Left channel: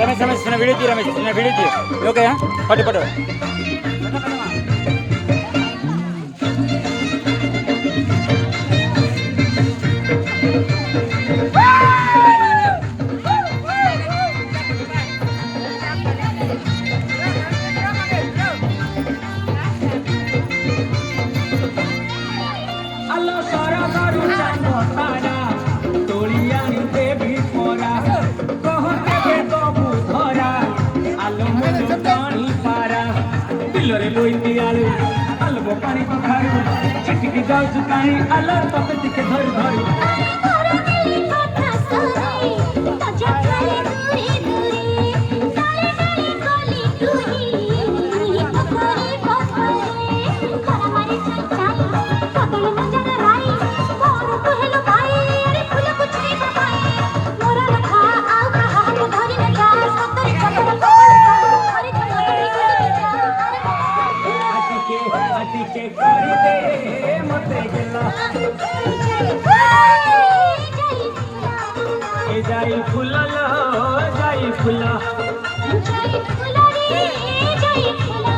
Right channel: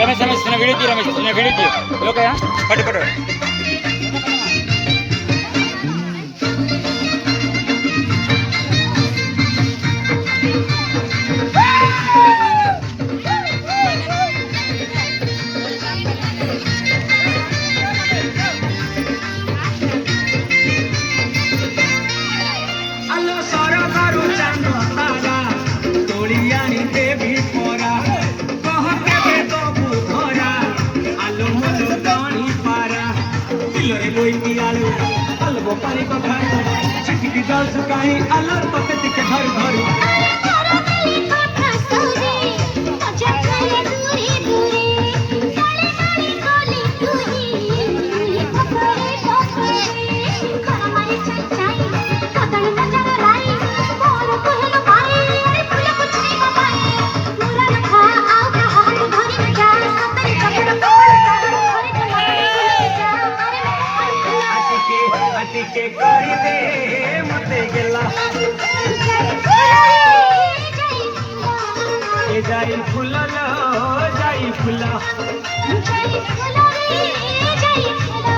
रमेश रमेश चिन्ह वीडियो रमेश चिन्ह video okay पट पट पानी को चिटकी जाल सुकाई अलर पकड़ के धर धर के करी दे मते गेला ए जाई फुला लो जाई फुला रे जाई फुला